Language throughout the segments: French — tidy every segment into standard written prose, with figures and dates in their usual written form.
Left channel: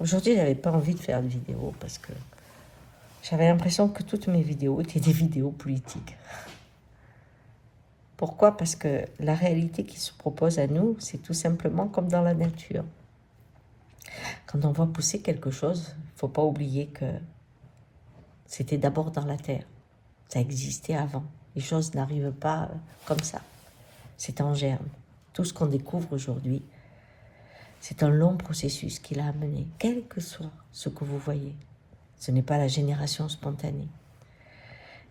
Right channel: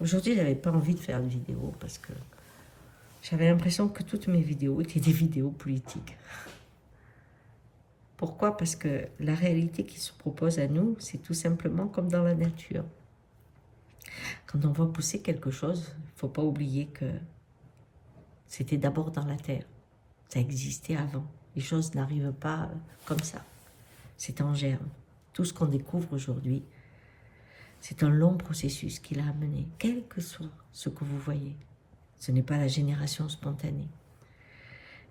Aujourd'hui, je n'avais pas envie de faire de vidéo parce que j'avais l'impression que toutes mes vidéos étaient des vidéos politiques. Pourquoi? Parce que la réalité qui se propose à nous, c'est tout simplement comme dans la nature. Quand on voit pousser quelque chose, il ne faut pas oublier que c'était d'abord dans la terre. Ça existait avant. Les choses n'arrivent pas comme ça. C'est en germe. Tout ce qu'on découvre aujourd'hui, c'est un long processus qui l'a amené, quel que soit ce que vous voyez. Ce n'est pas la génération spontanée.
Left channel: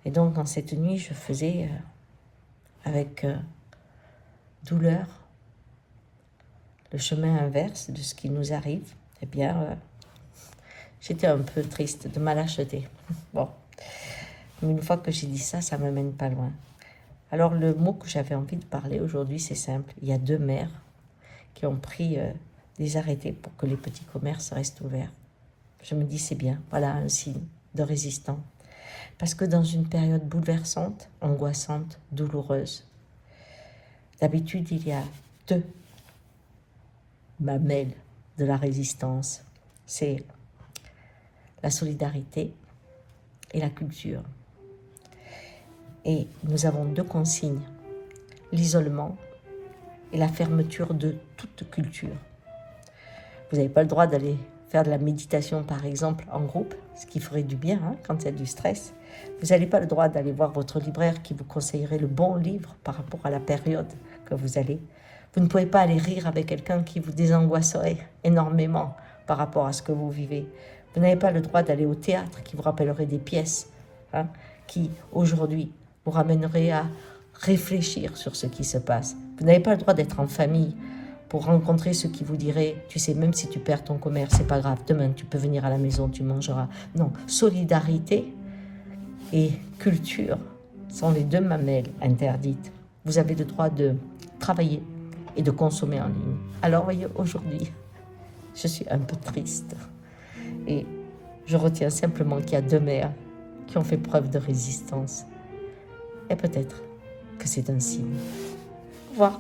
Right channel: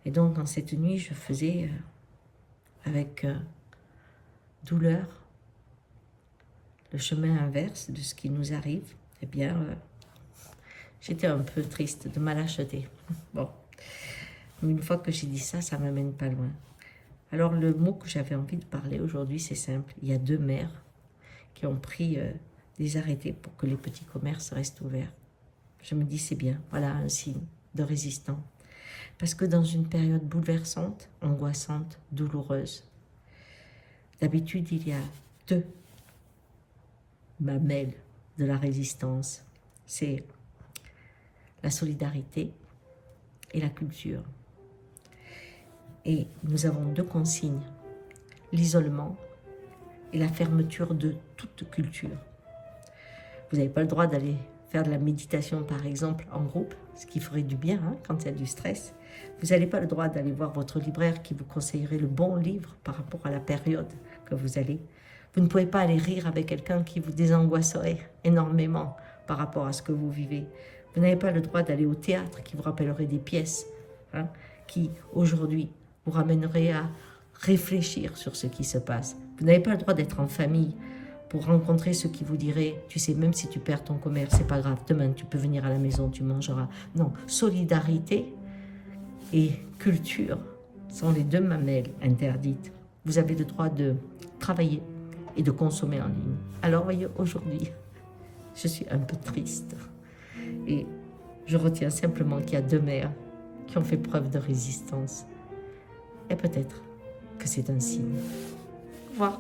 Et donc, dans cette nuit, je faisais avec douleur le chemin inverse de ce qui nous arrive. Eh bien, j'étais un peu triste de ma lâcheté. Bon, mais une fois que j'ai dit ça, ça ne me mène pas loin. Alors, le mot que j'avais envie de parler aujourd'hui, c'est simple. Il y a 2 maires qui ont pris des arrêtés pour que les petits commerces restent ouverts. Je me dis, c'est bien, voilà un signe de résistant. Parce que dans une période bouleversante, angoissante, douloureuse, d'habitude, il y a 2 mamelles de la résistance. C'est la solidarité et la culture. Et nous avons 2 consignes, l'isolement et la fermeture de toute culture. Vous n'avez pas le droit d'aller faire de la méditation, par exemple, en groupe, ce qui ferait du bien quand il y a du stress. Vous n'avez pas le droit d'aller voir votre libraire qui vous conseillerait le bon livre par rapport à la période que vous allez. Vous ne pouvez pas aller rire avec quelqu'un qui vous désangoisserait énormément par rapport à ce que vous vivez. Vous n'avez pas le droit d'aller au théâtre qui vous rappellerait des pièces qui, aujourd'hui, vous ramèneraient à réfléchir sur ce qui se passe. Vous n'avez pas le droit d'être en famille pour rencontrer ceux qui vous diraient, tu sais, même si tu perds ton commerce, c'est pas grave, demain tu peux venir à la maison, tu mangeras. Non, solidarité et culture sont les 2 mamelles interdites. Vous avez le droit de travailler et de consommer en ligne. Alors, voyez, aujourd'hui, je suis un peu triste. Et je retiens simplement qu'il y a 2 mères qui ont fait preuve de résistance. Et peut-être que c'est un signe. Au revoir.